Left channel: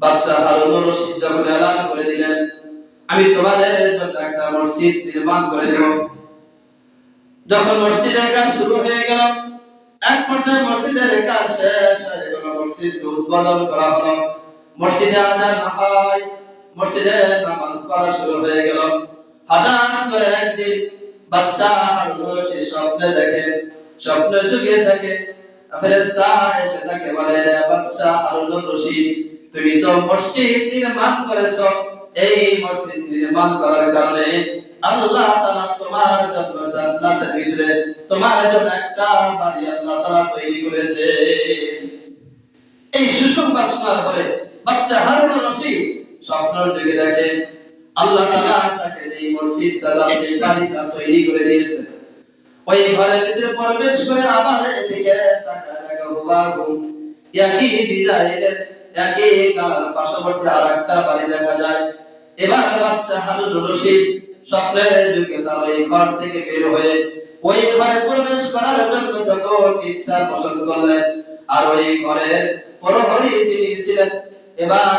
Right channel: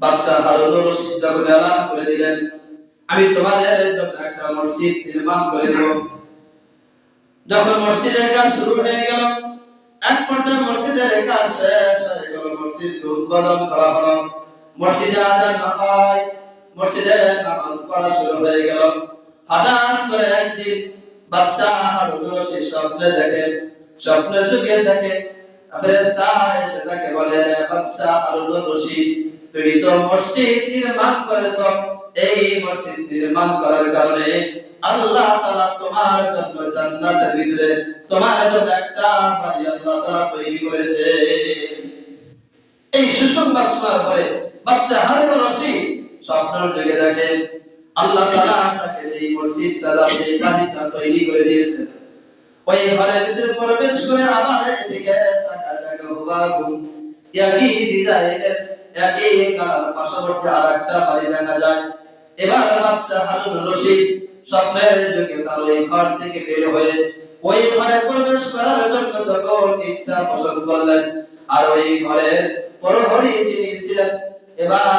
বাদশা হারুন রশিদ যখন এলান করে দিলেন, আমি তোমাদের জন্য একটা মসজিদ নির্মাণ করে দেব। যখন মসজিদের কাজ শুরু হয়ে গেল, এক পর্যায়ে মসজিদের কাজ শেষ হয়ে গেল, মসজিদকে উদ্বোধন করা হলো। মসজিদে আযান হয়, মসজিদে নামাজ পড়া শুরু হয়ে গেল। হঠাৎ করে একদিন বাদশা হারুন রশিদ স্বপ্নের যুগে দেখে ফেরেশতা এসে তাকে বলে, বাদশা হারুন রশিদ, তুমি তো মসজিদ নির্মাণ করেছো, এই মসজিদ নির্মাণ করার কারণে আল্লাহ তাআলা তোমার জন্য জান্নাতের ভিতরে তোমার জন্য একটা বাড়ি আল্লাহ তাআলা তৈরি করেছে। এই সুসংবাদ শোনার পরে বাদশা হারুন রশিদ স্বপ্নের যুগে দেখেন আল্লাহ তাআলা তাকে এই মসজিদটা, এই বাড়িটা তৈরি করে দিয়েছে। ওই ঘরের ভিতরে প্রবেশ করে আবার এদিকে তাকায় দেখা হুবাহু একই ডিজাইনের একই কালার পাশাপাশি আরেকটা বাড়ি দেখা যায়। এবার বাদশা হারুন রশিদ স্বপ্নের যুগে তার ওই ঘর থেকে বের হয়ে ওই ঘরে প্রবেশ করার জন্য যখন ইচ্ছা পোষণ করলেন, আর ওই ঘরের প্রহরী যিনি ছিলেন এবার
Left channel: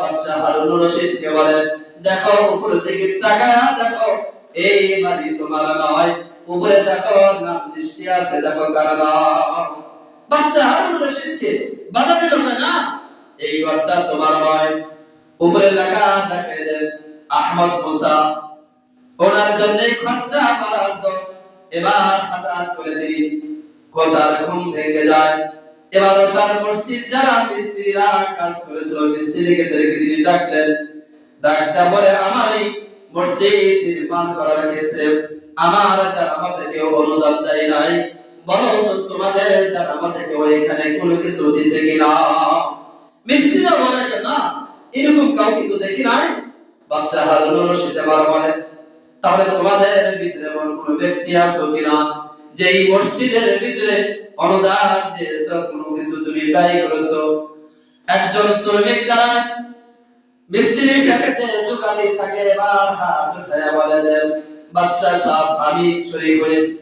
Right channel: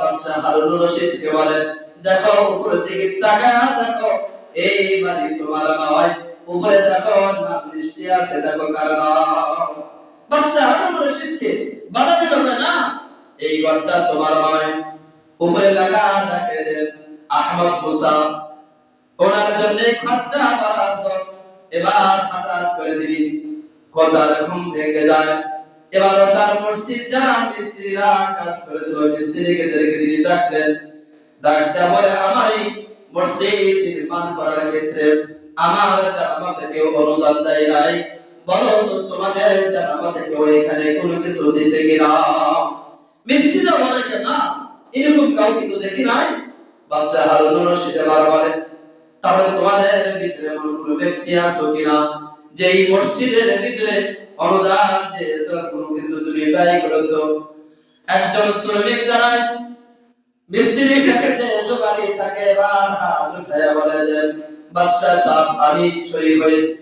বাদশা হারুন রশিদকে বলেন, দেখো উপর দিকে তাকায় দেখো, এই বাড়ি তোমার নয়, উপরে দেখো নাম দৃষ্টি আছে, দেখো কার নাম। বাদশা হারুন রশিদকে বাধা দিল না, এই ঘরটা তোমার নয়, উপরে লেখা দেখে দেন আহমদ মুসা, ওনার জন্য ঘরটা বরাদ্দ। এবার হঠাৎ করে দিন কথার ঘুম ভেঙে যায়। এবার তার মসজিদ যারা মিস্ত্রিরা কাজ করেছিল মিস্ত্রিকে তিনি ডাকলেন, ডাকতে বলে, আমার এই মসজিদ নির্মাণ করার ক্ষেত্রে আমার জানামা থেকে অনুদান দেয় নাই, বলো তো তোমাদের জানামা থেকে এখানে কোনো কিছু দিছে কিনা? মিস্ত্রিরা বলে না, এরকম কাউকে তো দেখি নাই। বাদশা হারুন রশিদ বলে, তাহলে তোমাদের ভিতরে এমন কোনো ব্যক্তি আছে কিনা যে এই মসজিদের ভিতরে অনুদান দিয়েছো, কোনো কিছু তুমি ব্যয় করেছো? একজন শ্রমিক দাঁড়ায়, মিস্ত্রির সাথে যোগালি থাকে, এবার হাত উঠায়া বলে দেন, বাদশা সাহেব, আমি শরীক হয়েছি।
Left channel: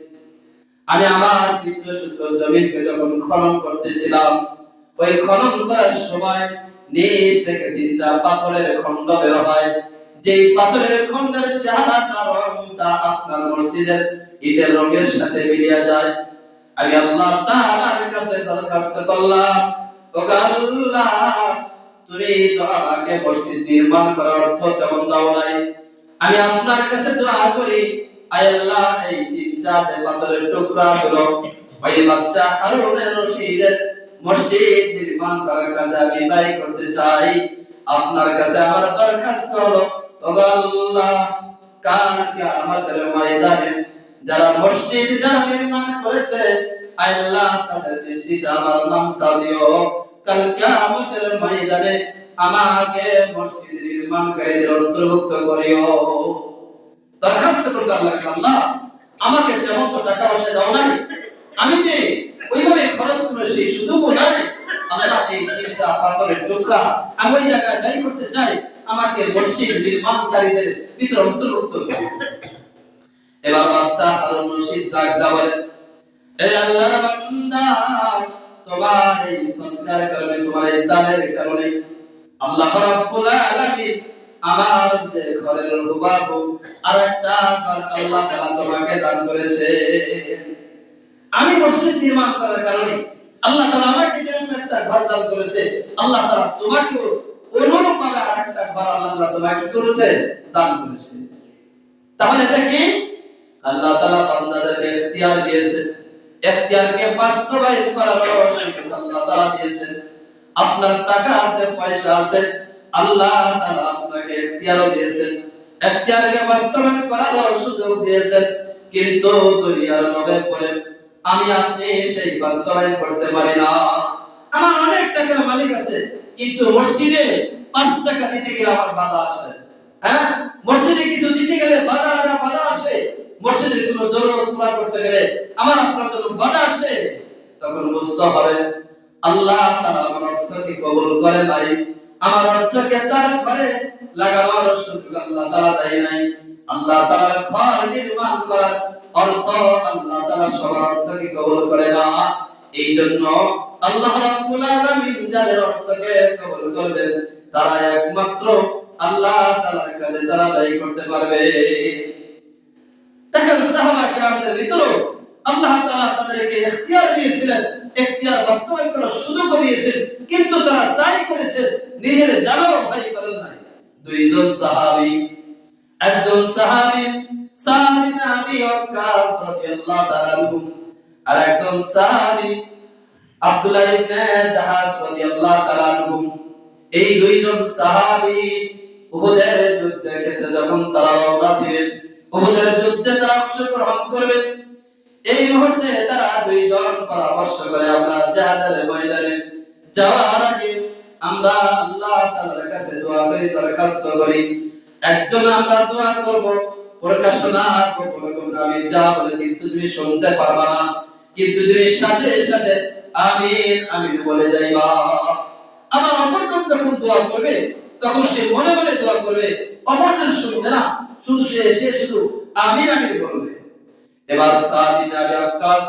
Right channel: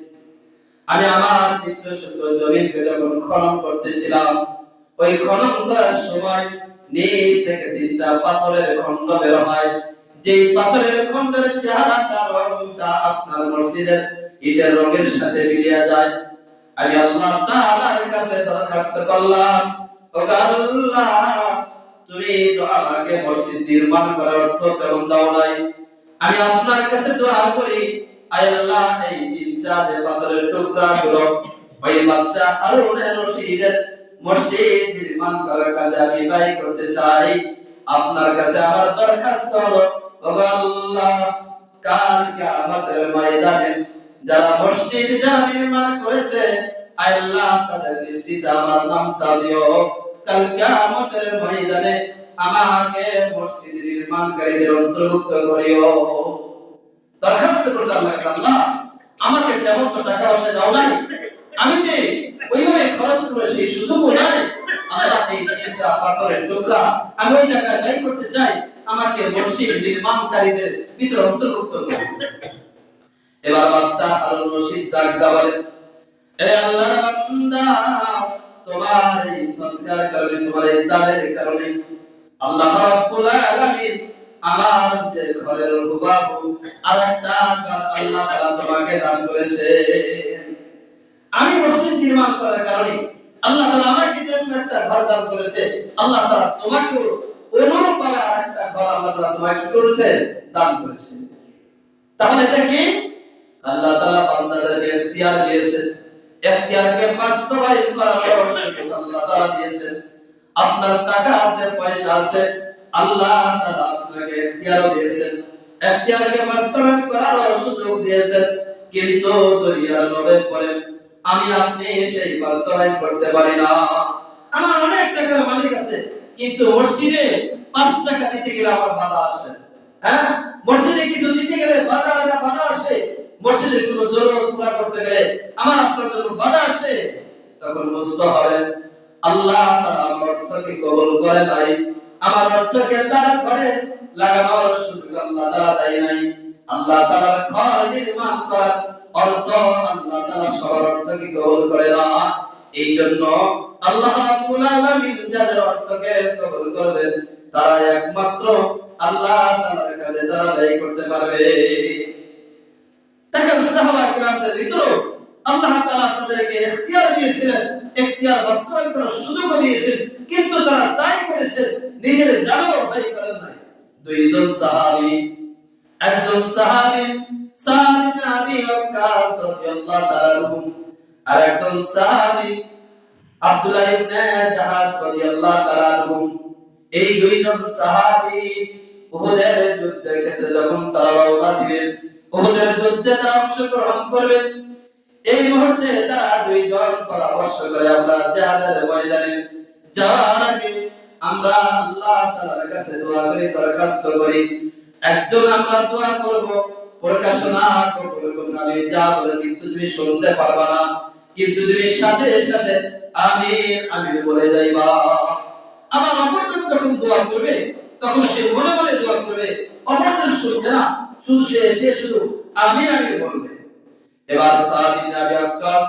আমি আমার পিতৃসূত্র জমিনকে যখন খনন করতেছিলাম, ওই খনন করার সময় নিচ থেকে তিনটা পাথরের খণ্ড বের হয়, যেই পাথরের খণ্ডের চেহারাটা রংটা আপনার মসজিদের ইটের রঙের সাথে মিলিয়ে যায়। আমি আল্লাহ তাআলার কাছে দরখাস্ত করলাম, ও আল্লাহ, তুমি তো আমাকে মসজিদ নির্মাণ করার অর্থ তেমন দাও নাই, আমি আপনার কাছে দোয়া করি, আয় আল্লাহ, এই তিনটা যে পাথরের টুকরা গুলো ওই বাদশা হারুন রশিদের মসজিদ নির্মাণ করার কাজে আমি ব্যয় করতে চাই। আপনার কাছে আমার দরখাস্ত হলো, ও আল্লাহ, কাল কিয়ামতের ময়দানে যারা মসজিদ নির্মাণ করেছে, আয় আল্লাহ, তাদের দৃষ্টিতে আমার নামটা দিও, কাল কিয়ামতের ময়দানে আমাকে মসজিদ নির্মাণকারীদের অন্তর্ভুক্ত করিও। দরখাস্ত করছে আল্লাহ, আল্লাহ, আমাকে তেমন তো টাকা পয়সা দাও নাই, আমি যে ওইভাবে খরচ করে সেই সুযোগও নাই, আল্লাহ, এই তিনটা পাথরের টুকরা আমি ওই জায়গায় ব্যয় করতে চাই, আমাকে মসজিদ নির্মাণকারীদের ভিতরে অন্তর্ভুক্ত করো। এবার বাদশা হারুন রশিদ ডাক বলেন, হে আল্লাহর বান্দা, তোমার এই সৎকার কারণে, তোমার এই দানের কারণে আল্লাহ রাব্বুল আলামিন আমার যে ঘরের হুবাহু আরেকটা ঘর আল্লাহ তাআলা তোমাকে দান করেছে। আমি মসজিদ নির্মাণ করার কারণে আল্লাহ তাআলা আমাকে যে একটা ঘর দান করেছে, আল্লাহ তাআলা তোমাকেও অনুরূপ ভাবে আরেকটা ঘর আল্লাহ তাআলা তোমাকে করেছে, দান করেছে। তাহলে এটা কি? আল্লাহ তাআলা বান্দাদেরকে ইখতিয়ার দিয়েছে, ইখতিয়ারকে বাস্তবায়ন করার সুযোগ আল্লাহ তাআলা দিয়েছেন। আপনার টাকা আছে, পয়সা আছে, আল্লাহ তাআলা আপনাকে ইখতিয়ার দিয়েছেন, ইখতিয়ারকে বাস্তবায়ন করার সুযোগ দিয়েছেন, কিন্তু দুনিয়ার লোভে পড়ে আমি আপনি সেই বাস্তবায়ন করতে পারি না। আমার অনেক টাকার মালিক আছে, কিন্তু মসজিদে 5 টাকা দিতে গেলে আমার বাধা আসে। হ্যাঁ, মসজিদে কিছু দিতে গেলে বাধা আসে, মসজিদের কোনো জরুরত পুরা করতে গেলে আমার আপনার জন্য বাধা আসে। তখন বুঝতে হবে আল্লাহ তাআলা আমার অর্থকে কবুল করে নাই, আমার অর্থকে তার ঘরে লাগানোর সুযোগ আল্লাহ তাআলা দেয় নাই। আল্লাহ তাআলা ঘর নির্মাণ করার অর্থ আল্লাহ তাআলা সবার অর্থকে কবুল করে না। এই জন্য আল্লাহ রাব্বুল আলামিন যাদের অর্থকে কবুল করবেন তারা একমাত্র আল্লাহ তাআলার কাছে তারা ব্যয় করতে পারবে। দেখেন সাহাবা কিরামদের ভিতরে আল্লাহ তাআলা তাদেরকে ইখতিয়ার দিয়েছিলেন, ইখতিয়ার বাস্তবায়ন করার সুযোগ দিয়েছেন, কিন্তু তারা তাই করেছে, নিজের জানও ভয় করেন নাই। দুইজন সাহাবী, একজন সাহাবী সাদ ইবনে আবি ওয়াক্কাস রাদিয়াল্লাহু তাআলা আনহু, আর একজন সাহাবী আব্দুল্লাহ ইবনে জাহাশ রাদিয়াল্লাহু তাআলা আনহু। এই দুইজন সাহাবী উহুদের যুদ্ধের ক্ষেত্রে যখন তারা রওনা দিলেন, উহুদের যুদ্ধে তারা অংশগ্রহণ করবেন, এই মুহূর্তে তারা দুইজন পরামর্শ করে আমরা জিহাদের ময়দানে যাওয়ার আগে আমরা আল্লাহ তাআলার কাছে দোয়া করি, দরখাস্ত করি। একজন আমরা দোয়া করব, প্রকাশনা করব, আমি যা বলে কিন্তু তুমি শুনতে পারবা না, কিন্তু তুমি সাথে সাথে আমিন আমিন বলে যাইবা। আমার অপরজন যখন দোয়া করবে তখন সে মনে মনে দোয়া করবে, অপরজন শুনবে না, শুধু সে শুধু আমিন আমিন বলবে। এবার সাদ ইবনে আবি ওয়াক্কাস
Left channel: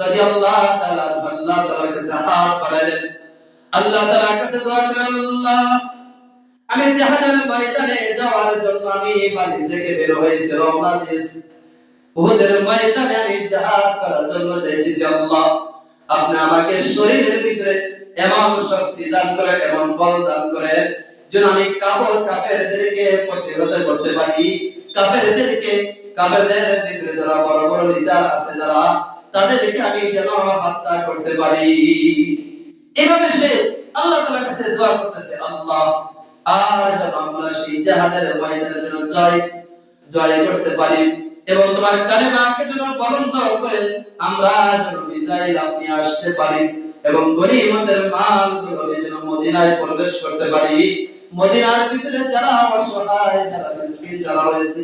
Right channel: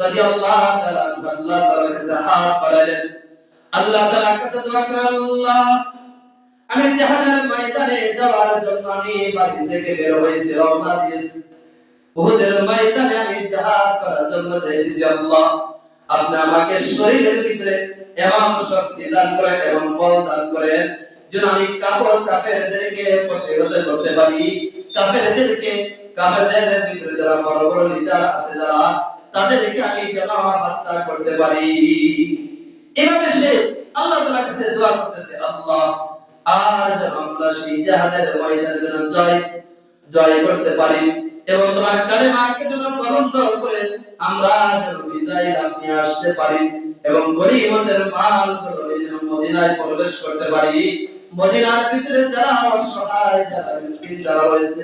রাদিয়াল্লাহু তাআলা আল্লাহ তাআলার কাছে হাত বাড়ালেন, আল্লাহ তাআলার কাছে দোয়া করেন, আল্লাহ আমি জিহাদের ময়দানে যাওয়ার জন্য আমি বাড়ি থেকে বের হয়েছি, রওনা দিয়েছি, উহুদের ময়দানে আমি জিহাদ করার জন্য যাইতেছি। আল্লাহ আপনি আমাকে শরীরের ভিতরে এমন শক্তি দান করেন, এমন বল দান করেন যেন আমি কাফেরদেরকে প্রতিরোধ করতে পারি, কাফেরদের ভিতরে যারা বড় বড় লিডার আছে যারা, তাদেরকে আমি যেন হত্যা করতে পারি। এভাবে সে আল্লাহ তাআলার কাছে দোয়া করতেছে, আল্লাহ আর যেন আমরা সেই জিহাদের ময়দানে যেন জয় করতে পারি এবং তোমার কালেমাকে যেন বলন্দ করে আমরা যেন বিজয় লাভ নিয়ে আসতে পারি এবং গনিমতের মালগুলো যেন মদিনায় প্রবেশ করতে পারি। মদিনার ভিতরে যারা অসহায়, যারা মিসকিন যারা রয়েছে,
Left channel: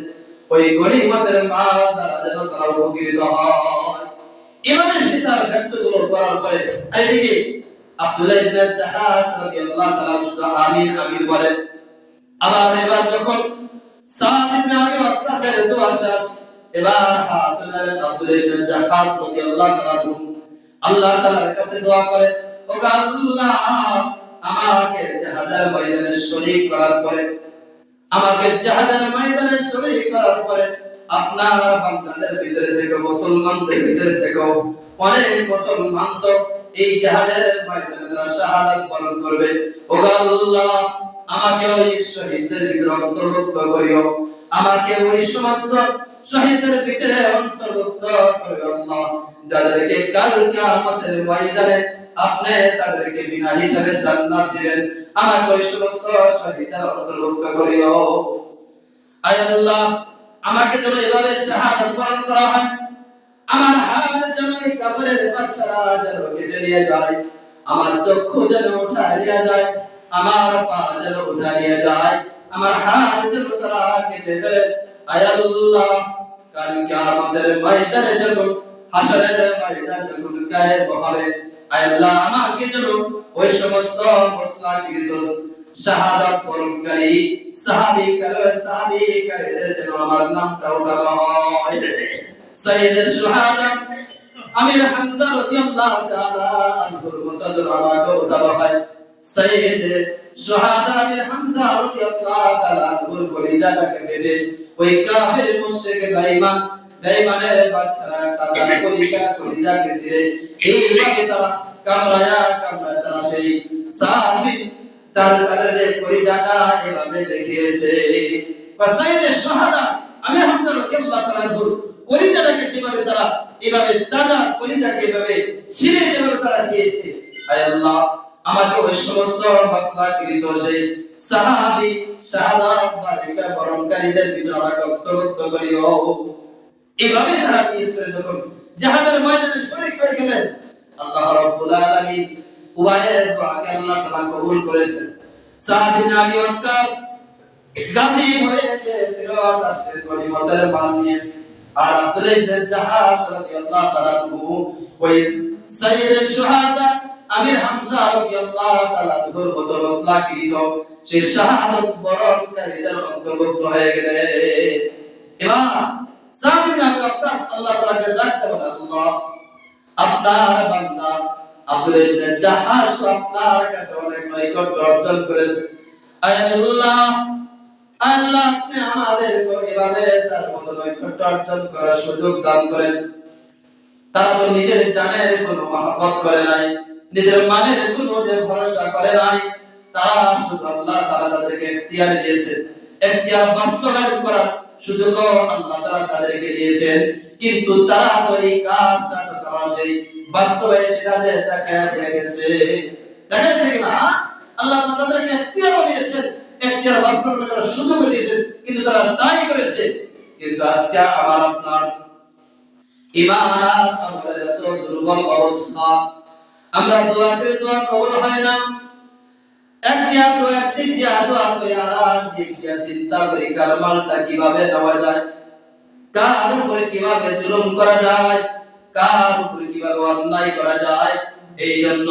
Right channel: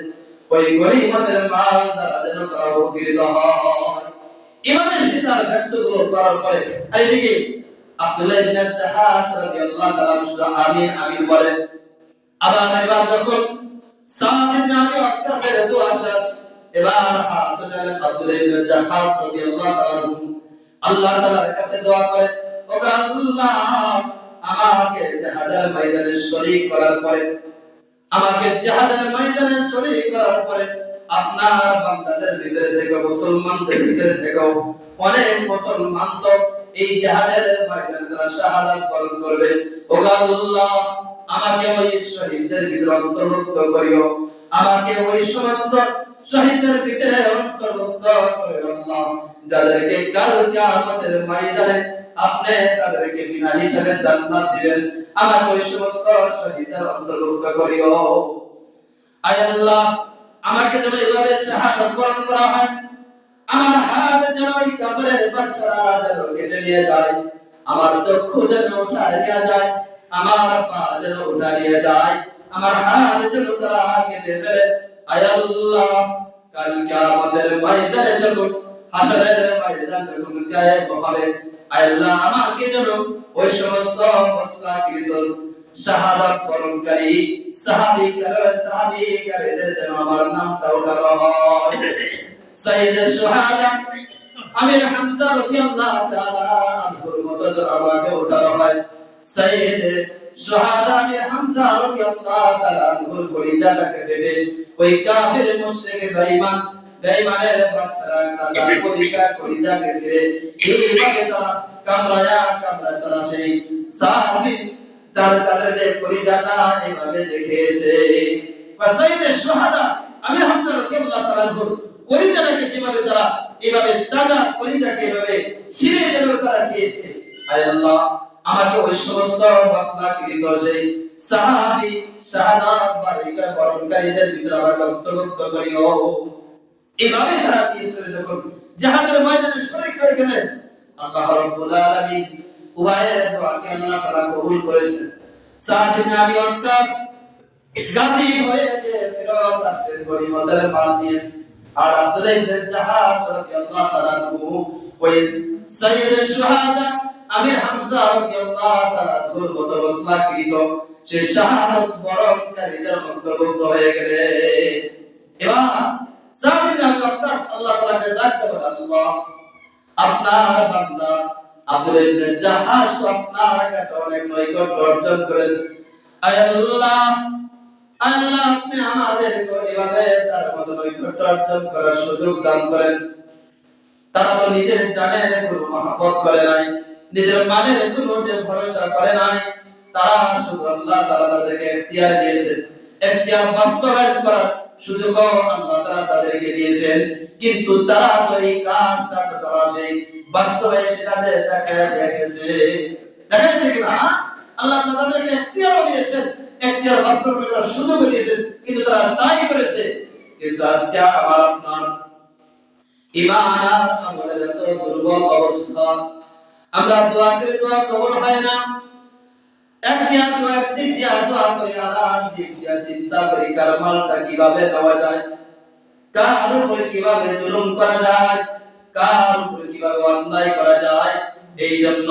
ওই গনিমতের মাল দ্বারা যেন তারা উপকৃত হয়। এভাবে সে তার ব্যক্তগুলো করার পরে এইদিকে আব্দুল্লাহ ইবনে জাহাশ রাদিয়াল্লাহু তাআলা শুধু আমিন আমিন বলেন। আবার এবার যখন সাদ ইবনে আবি ওয়াক্কাসের দোয়া শেষ, এবার হাত তুলে আব্দুল্লাহ ইবনে জাহাশ রাদিয়াল্লাহু তাআলা আল্লাহ তাআলার কাছে দোয়া করে, ও আল্লাহ আমাকে জিহাদের ময়দানে শরীক করার পরে, আমাকে জিহাদের ময়দানে শরীক করার পরে আপনার বান্দাদের ভিতরে থেকে, মুসলমানদের ভিতরে থেকে অনেক মুসলমান তো এই জিহাদের ময়দানে তারা শাহাদাত বরণ করবে। ও আল্লাহ আমাকে ওই শহীদদের ভিতরে অন্তর্ভুক্ত করিও, আমাকে ওই সমস্ত শহীদদের ভিতরে অন্তর্ভুক্ত করিও আল্লাহ, যাদেরকে কাল কিয়ামতের ময়দানে আপনি তাদেরকে বিনা হিসাবে জান্নাত দিবেন। আমাকে ওই সমস্ত শহীদদের অন্তর্ভুক্ত করিও। আয় আল্লাহ আমাকে যেন এভাবে শাহাদাত বরণ করা হয়, আমার হাত যেন ওই কাফেরের বাচ্চারা যেন কেটে নিয়ে যায়, আমার চক্ষু যেন উঠায় নিয়ে যায়, আমার পা যেন উঠায় নিয়ে যায়, আমার হাত যেন তারা কেটে ফেলে। আয় আল্লাহ কাল কিয়ামতের ময়দানে যখন, হাসরের ময়দান যখন কায়েম হবে, আয় আল্লাহ আমাকে যেন ওই সমস্ত মুসলিমকৃত শাহাদাত বরণকারী সাহাবীদের যেন আমার নামটা উঠানো হয়। সাইয়্যিদুশ শুহাদা আমির হামজা রাদিয়াল্লাহু তাআলা আনহুর মত যেন আমাকে উঠানো হয়। সাইয়্যিদুশ শুহাদা আমির হামজা রাদিয়াল্লাহু তাআলা আনহুর কলিজাটাকে কেটে ওই কাফির মুশরিক বেঈমানের বাচ্চারা তাদের কলিজা কেটে এইভাবে তারা কামড়ায়া তারা সেই সাহাবী তাদের কলিজাটা এভাবে দেখেছে। সাইয়্যিদুশ শুহাদা আমির হামজা রাদিয়াল্লাহু তাআলা আনহুর কলিজাটাকে যেভাবে তারা এভাবে তাজা কলিজাকে এভাবে ছিঁড়ে যেভাবে তারা খেয়েছে, আয় আল্লাহ আমাকে ওই সমস্ত মাসলাকৃত সেই সাহাবী শাহাদাত বরণকারীদের ভিতরে আমাকে অন্তর্ভুক্ত করিও। এভাবে তারা নিয়ত করে যখন জিহাদের ময়দানে শরীক হয়ে গেলেন, আল্লাহ রাব্বুল আলামিন উভয়ের দোয়াকে আল্লাহ তাআলা কবুল করেছেন। সাদ ইবনে আবি ওয়াক্কাস গাজী হয়ে ফেরত আসলেন গনিমতের মাল নিয়ে, আর আব্দুল্লাহ ইবনে জাহাশ রাদিয়াল্লাহু তাআলা ওই সাইয়্যিদুশ শুহাদা আমির হামজা রাদিয়াল্লাহু তাআলা আনহুর মত মাসলাকৃত সে শাহাদাত বরণকারীদের অন্তর্ভুক্ত হয়ে গেলেন। এবার সাদ ইবনে আবি ওয়াক্কাস আল্লাহ তাআলাকে ডাকতে বলে, আল্লাহ আপনার বান্দা আব্দুল্লাহ ইবনে জাহাশ তো আপনার কাছে অনেক নৈকট্য অর্জন করেছে। আয় আল্লাহ, আল্লাহ আপনি আমাদেরকে এভাবে তার মতো নৈকট্য অর্জন করার সুযোগ দান করেন। তারা তো নিজের জানের কোনো মহব্বত করে নাই, নিজের মালের কোনো যে ভরসা করে নাই, তারা শুধু আল্লাহ তাআলা তাদেরকে ইখতিয়ার দিয়েছেন, ইখতিয়ার বাস্তবায়ন করার সুযোগও আল্লাহ তাআলা তাদেরকে দিয়েছেন। কিন্তু তারা তো এই কাজটা তো তারা সেই বাস্তবে সেটাতে দেখা গেছে, দেখা গেছে কিনা? আল্লাহ তাআলা তাদেরকে ইখতিয়ারও দিয়েছেন, ইখতিয়ার বাস্তবায়ন করার সুযোগও দিয়েছেন, কিন্তু তারা তাই করেছে। কিন্তু আজকে আমার আপনার ঈমান আমাদের এত দুর্বল অবস্থা, আমরা দোয়াতে দোয়া কবুল হয় না। একদিয়া দোয়া করে আর দেখিয়া চিন্তা করি কার মালটা কিভাবে নেওয়া যায়, কার উপরে কিভাবে জুলুম করা যায়, কার উপরে কিভাবে অন্যায় করা যায়। এই জন্য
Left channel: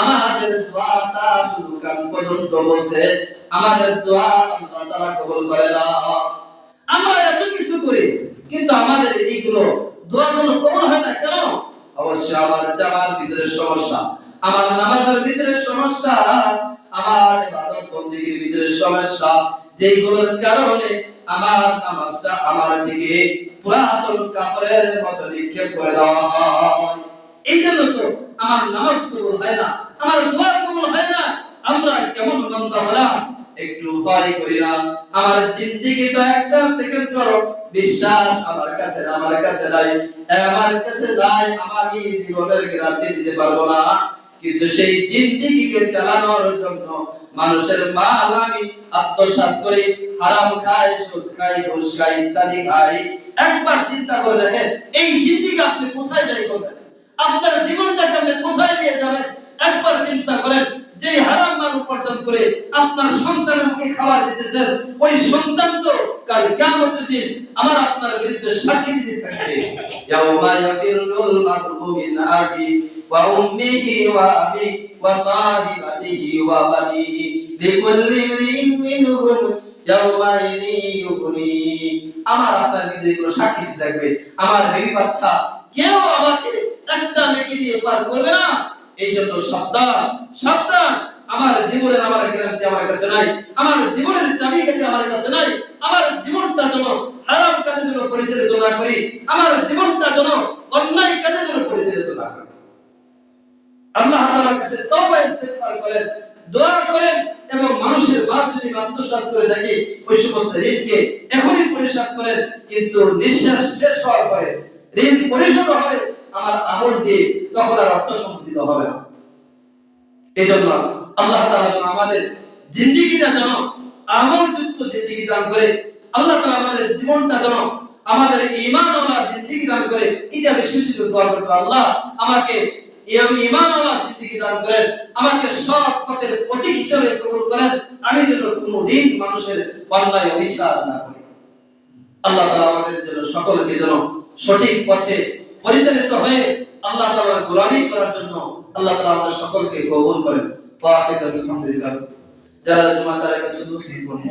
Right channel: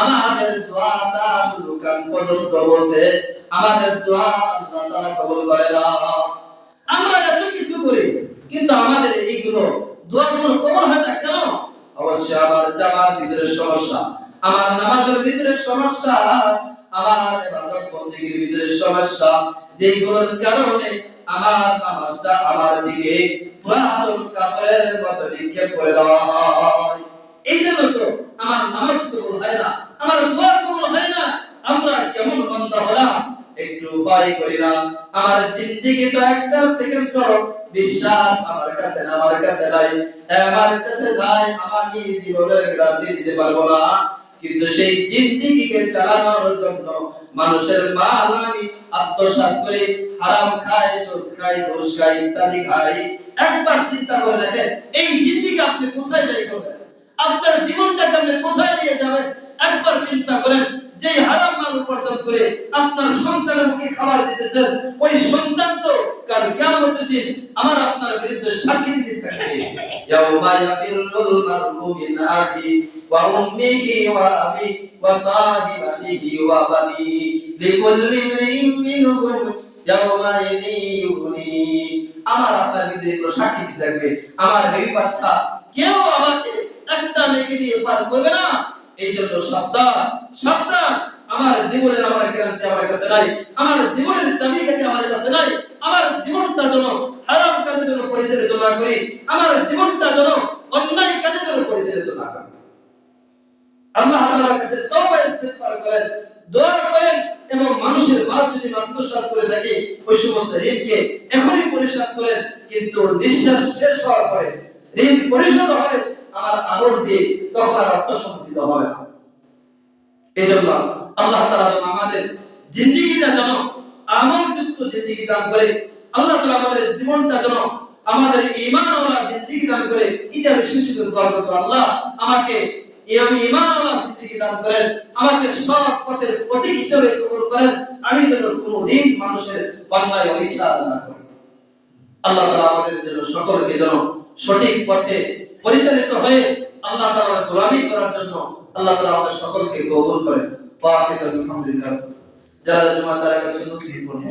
আমাদের দোয়াটা শুধু কান পর্যন্ত বসে, আমাদের দোয়া আল্লাহ তাআলা কবুল করে না। আমরা এত কিছু করি কিন্তু আমাদের এইগুলো দোয়াগুলো কবুল হয় না কেন? অবশ্যই আমার জামার ভিতরে সমস্যা, আমার নামাজের ভিতরে সমস্যা, আমার ইবাদত বন্দেগীর ভিতরে সমস্যা, যেগুলোর কারণে আমার নামাজটা আমার দিকে পুরাতন কাপড়ের মতো নিক্ষেপ করে দেওয়া হয়। এই জন্য তো আমার নামাজ কবুল হয় না, আমার দোয়া কবুল হয় না। আমরা কেমন বান্দা হলাম একটু ভয় করি না। আমার জিন্দেগি তো একটা সেকেন্ড করো বিশ্বাস আমার কাছে না, আমার কাছে নাই, আমার কাছে নাই, আমি জীবনের গ্যারান্টি দিতে পারবো না। কিন্তু সেই জিন্দেগিকে চালানোর জন্য মানুষের মাল আমি আত্মসাৎ করি, হারাম খাই, সুদ খাই, ঘুষ খাই, ইত্যাদি খাই। একবার চিন্তা করে দেখেন এই জিন্দেগি আপনি কোথায় ব্যয় করবেন, আপনার জীবনটাকে আপনি কোথায় নিয়ে যাবেন। একবার চিন্তা করেন যে হারাম মাল উপার্জন করে আপনার সন্তানের মুখে খাবার দিতেছেন, ওই সন্তান তো কাল কিয়ামতের দিন আমার আপনার বিরুদ্ধে সাক্ষী দিতে থাকবে। ইয়াউমা ইয়াফিরুল মারউ মিন আখি ওয়া উম্মিহি ওয়া আবি ওয়া সাহিবাতিহি ওয়া বানিহি লিকুল্লি ইমরিইন মিনহুম ইয়াউমা ইযিন ইউগনি। আমার আপনার বিরুদ্ধে সাক্ষী দিতে থাকবে, আমার বেবি বাচ্চা কেউ আমাকে একটা নেকি দিয়ে পার করবে না। এই জন্য সাবধান, সাবধান। আমার জীবনের আমার গ্যারান্টি আমার কাছে নাই, আমার জীবনের চাবিকাঠি আমার কাছে নাই। আমার জীবনটা যেন হারাম কাজে যেন পরিচালিত না করি, আমার জীবনটা যেন অন্যায় কাজে যেন পরিচালিত না করি। আল্লাহ তাআলার কাছে তওবা ইস্তিগফার করেন, দোয়া করেন, এবং মানুষের মাল যদি আত্মসাৎ করে থাকে ওই সমস্ত ঋণকে এখনই পরিশোধ করেন। কিন্তু নিঃশ্বাস শেষ হওয়ার পরে ঋণ পরিশোধ হবে আমার আমল দিয়ে, তখন আর আত্মসম্পত্তি হবে না। এই জন্য আল্লাহ তাআলা যেন আমাদের জিন্দেগিটা যেন আমলযুক্ত জিন্দেগি দান করে, আল্লাহ তাআলা আমাদের জীবনটা যেন আমাদের ঈমানওয়ালা জিন্দেগি দান করে। এটা বেশি বেশি করে দোয়া করতে, আল্লাহ আমাকে আমি ঈমানওয়ালা জিন্দেগি দান করেন, আমাকে সৎ পথের প্রতীক হিসেবে কবুল করেন, আমি যেন কোনোদিন মানুষের অন্যায় অবিচার না করি। আল্লাহ তাআলা আমাদের জন্য সকলকে যেন সঠিক পথে পরিচালিত হয়ে আল্লাহ তাআলার গোলামি করার জন্য আল্লাহ তাআলা আমাদের সকলকে কবুল করেন। আলহামদুলিল্লাহ। যারা জুমা চার কাছে নতুন পড়ে